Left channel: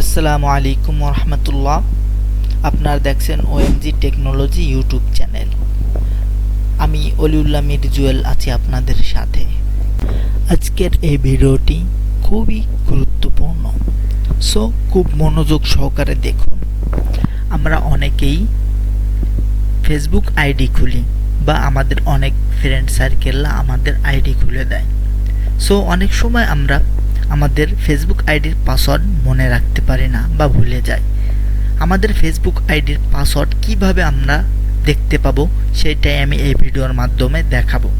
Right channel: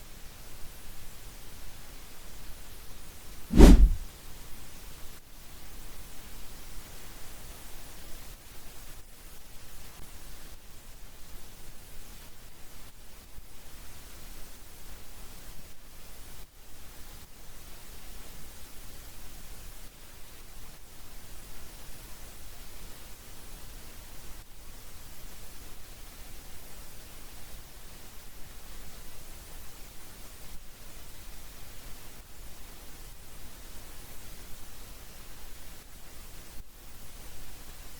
আসসালামু আলাইকুম রহমতুল্লাহ আপনারা দেখছেন ওএমজি টেকনোলজি ইউটিউব চ্যানেল। আমি অলিউল্লাহ মির জুয়েল আছি আপনাদের সাথে। আজকের এই ভিডিওটি খুবই গুরুত্বপূর্ণ। সো, খুব মনোযোগ সহকারে দেখুন। আমরা অনেকেই ফেসবুক আইডি খুলি বা আমাদের অনেক ফ্রেন্ড সার্কেলরা আমাদের আইডি খুলে দেয়। সো, অনেক সময় আমরা আমাদের ফেসবুক আইডির পাসওয়ার্ড মনে রাখতে পারি না বা ভুলে যাই। আমাদের ফেসবুক আইডির পাসওয়ার্ড কীভাবে আমরা দেখতে পাবো, সেটাই আমি এই ভিডিওর মাধ্যমে দেখাবো।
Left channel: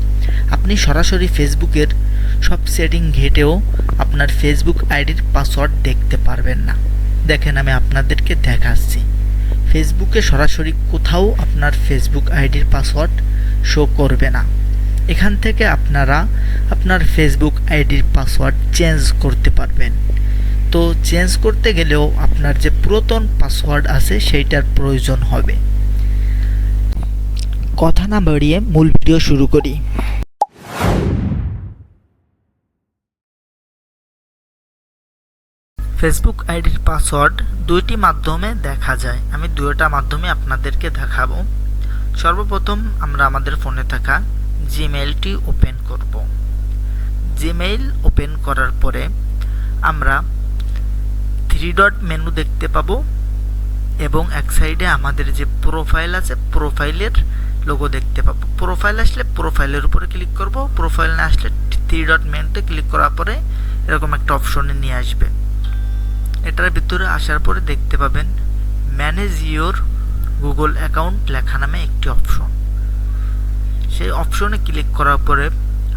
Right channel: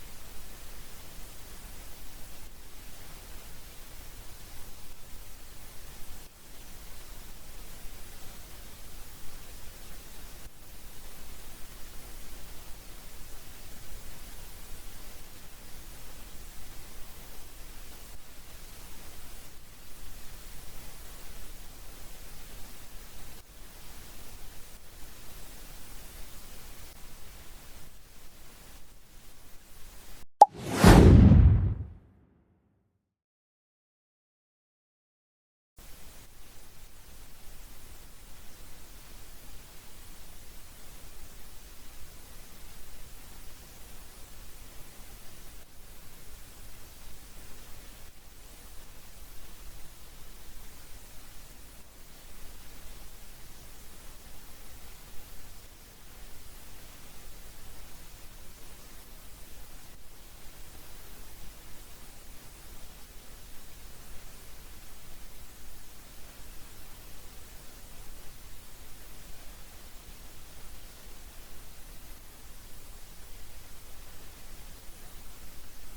আপনি সরাসরি ফেসবুকের সব সেটিং ঘেটেও আপনার ফেসবুক আইডির পাসওয়ার্ড দেখতে পারবেন না। দেখেন আমি আপনাদেরকে দেখাচ্ছি। ফেসবুকে সরাসরি কোথাও আপনার ফেসবুক আইডির পাসওয়ার্ড শো করবে না। এখান থেকে আপনারা আপনার ফেসবুক আইডির পাসওয়ার্ড চেঞ্জ করতে পারবেন। তো চেঞ্জ করতে গেলেও আপনার যে পুরাতন পাসওয়ার্ড আছে সেইটার প্রয়োজন হবে। কথা না বাড়িয়ে মূল ভিডিও শুরু করি। ফেসবুক আইডির পাসওয়ার্ড দুইটি মাধ্যমে দেখা যায়। আমি দুইটা মাধ্যমে আপনাদেরকে দেখাবো। সর্বপ্রথম আমরা আমাদের ফোনে থাকা জিমেইলটি ওপেন করব। জিমেইল ওপেন করার পরে আমরা থ্রি ডট মেনু দেখতে পাবো এবং এক সাইডে আমাদের যে প্রোফাইল আছে প্রোফাইলের লোগো দেখতে পাবো। প্রোফাইল আসলে প্রোফাইলের উপরে ক্লিক করব। প্রোফাইল না আসলে থ্রি ডট মেনুতে ক্লিক করার পরে এরকম একটা অপশনে নিয়ে আসবে। এটার ভিতরে আসার পরে দেখতে পাবেন ম্যানেজ ইওর গুগল অ্যাকাউন্ট লেখা নামে একটি অপশন সেই অপশনে ক্লিক করার পরে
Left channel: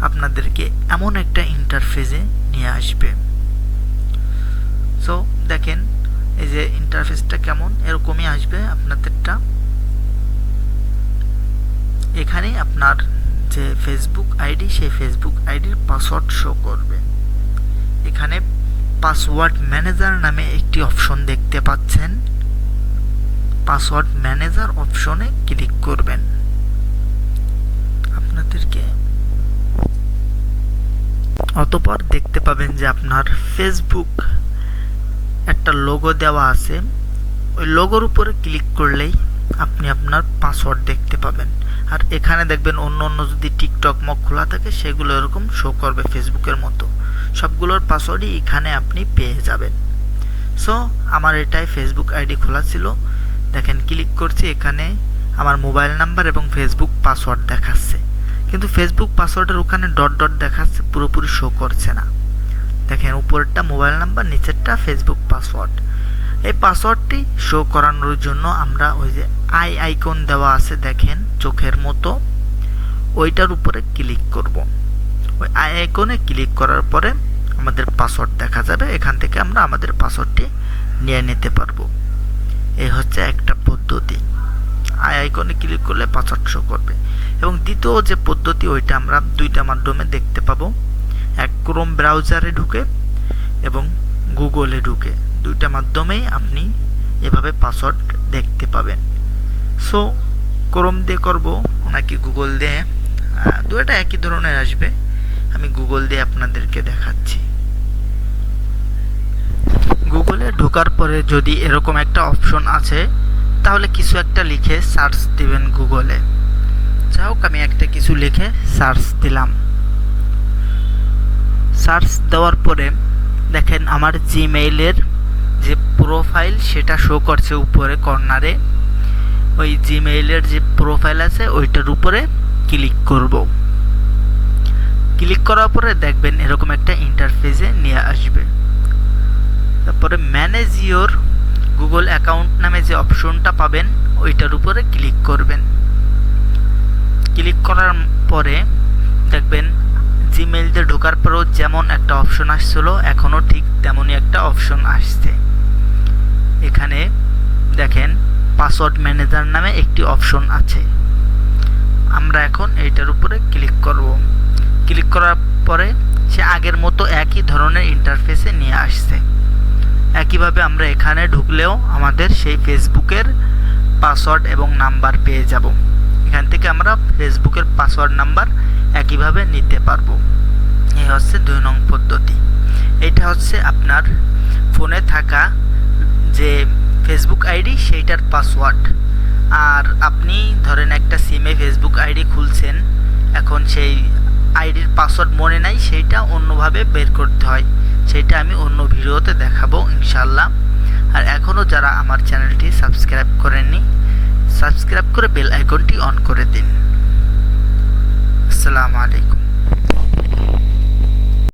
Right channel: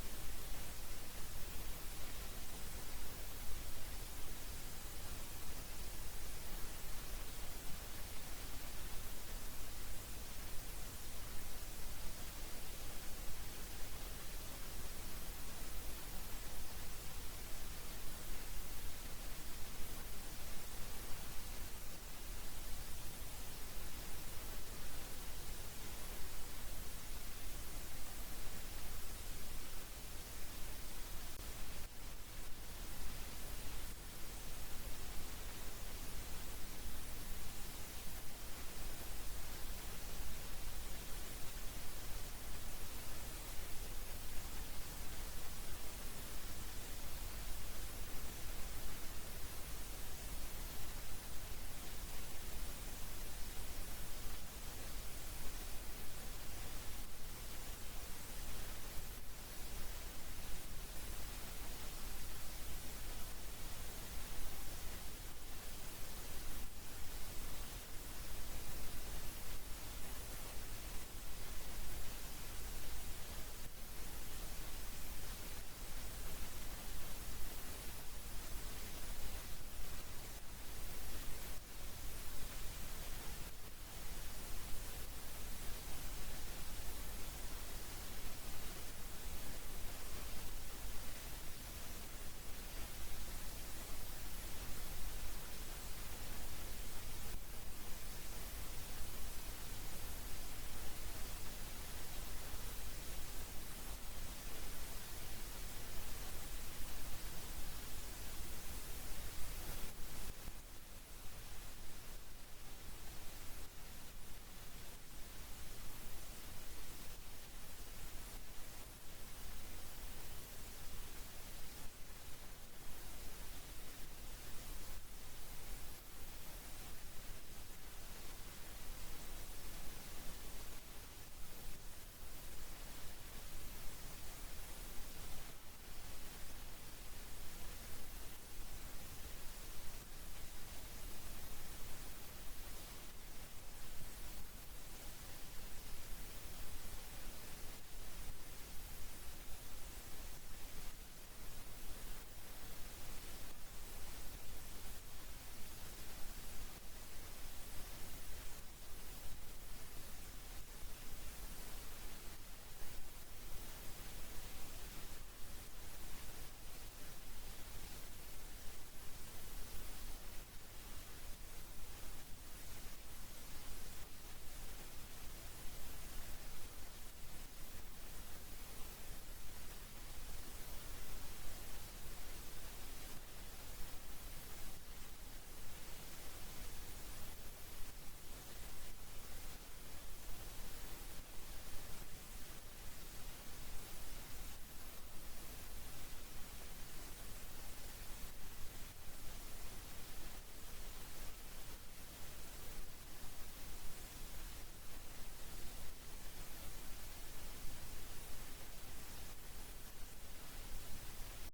আপনাদেরকে এমন একটা ইন্টারফেসে নিয়ে আসবে। সো দেখেন, এই যে ইন্টারফেসটা কেমন? এরকমই আসবে আপনাদেরটা। এখানে আপনার যে ফেসবুক আইডি সেই ফেসবুক আইডির পাসওয়ার্ড শো করবে। এখানে পাসওয়ার্ড ম্যানেজার নামে একটি অপশন দেখতে পাচ্ছেন। পাসওয়ার্ড ম্যানেজার অপশনে ক্লিক করবেন। অতপর দেখতে পাবেন যে আপনার ফেসবুক একটা লোগো দেওয়া আছে। ওই লোগোর উপরে ক্লিক করলেই আপনি আপনার পাসওয়ার্ড দেখতে পাবেন। আর এখানে দেখবেন অন্য অন্য যদি টিকটক মক খোলা থাকে, সেগুলো এরকম শো করবে ফেসবুকের মতো। সবগুলোর পাসওয়ার্ডই এখানে আপনি পেয়ে যাবেন। সো আমার এটাই ফেসবুক আইডি খোলা ছিল। দেখেন ক্লিক করছি, এখানে আমার মোবাইল নাম্বার এবং ফেসবুক পাসওয়ার্ড দেখাচ্ছে। কিন্তু ফেসবুক পাসওয়ার্ডের ওখানে ডট ডট দেখাচ্ছে, পুরোপুরি শো করছে না। দেখেন, উপরেরটা মোবাইল নাম্বার নিচেরটা ফেসবুক পাসওয়ার্ড এই পাসওয়ার্ডটি শো করানোর জন্য আমরা ওই যে আই আইকন দেওয়া আছে, দেখেন, চোখের মতো। ওইটার উপরে ক্লিক করব। ওই আই আইকনে ক্লিক করার পরে আমাদের পাসওয়ার্ড দেখা যাবে। এখান থেকে আমরা আমাদের পাসওয়ার্ডটি নিয়ে নিতে পারব। এই হচ্ছে একটা পদ্ধতি। আই আইকনে ক্লিক করলে পাসওয়ার্ড শো করবে। এবং দ্বিতীয় যে পদ্ধতি, ওইটা আমরা দুইটা মাধ্যমে দেখতে পাবো। এক ক্রোম ব্রাউজারে ঢুকে এবং গুগলে ঢুকে। দুইটা মাধ্যমেই আপনি এভাবে পাসওয়ার্ড দেখতে পাবেন। সো ক্রোম দিয়ে করব, নাকি গুগল দিয়ে? দুটা একই ধরনের আসবে। আমি গুগল দিয়ে আপনাদেরকে দেখাচ্ছি। গুগলে ঢোকার পরে যদি এরকম একটা অপশন আছে, তাহলে কিছু একটা লিখে সার্চ দিবেন গুগলে যাই আমি একটা কিছু লিখে সার্চ দিলাম। সার্চ দেওয়ার পরে দেখেন আমার জিমেইলের যে প্রোফাইল সেটা শো করছে উপরে কর্নারে ওই জিমেইলের যে প্রোফাইল আছে, ওইটার উপরে ক্লিক করব। ক্লিক করার পরে দেখবেন এরকম একটা ইন্টারফেসে নিয়ে আসবে। তারপরে ম্যানেজ ইওর গুগল অ্যাকাউন্ট নামে যে অপশনটা পাবেন, ওইটার উপরে ক্লিক করবেন। ক্লিক করার পরে দেখবেন জিমেইলতে ঢোকার পরেও যেমন একটা অপশন আসছিল, এখনও ঠিক তেমনই একটা অপশন আসছে। এখানে দেখেন পাসওয়ার্ড ম্যানেজার নামে একটি অপশন আছে। আমরা এখন এইটার উপরে ক্লিক করব। ক্লিক করার পরে সে আগের মতো একই ধরনের ইন্টারফেসে নিয়ে আসছে। একইভাবে আমরা এখানে ঢুকলেও আমাদের সেই ফেসবুকের পাসওয়ার্ড এবং নাম্বার পেয়ে যাব। এখান থেকে আমরা ফেসবুকের পাসওয়ার্ড নাম্বার একইভাবে নিতে পারব। এই হচ্ছে দুই নং পদ্ধতি। এটা হচ্ছে আপনার ফোনে থাকা যে ফেসবুক আইডি, সেইটার পাসওয়ার্ড। আর আপনি ধরেন একটা সিমে ফেসবুক আইডি খুলছেন, এখন সেই আইডির পাসওয়ার্ড মনে নাই, সেইটা অন্যভাবে বের করতে হয়। সেইটা আমি অন্য ভিডিওতে দেখাবো ইনশাল্লাহ আর এখনও যারা আমার চ্যানেলটি সাবস্ক্রাইব করেননি সাবস্ক্রাইব করে বেল আইকনটি অন করে দিন। আসসালামু আলাইকুম।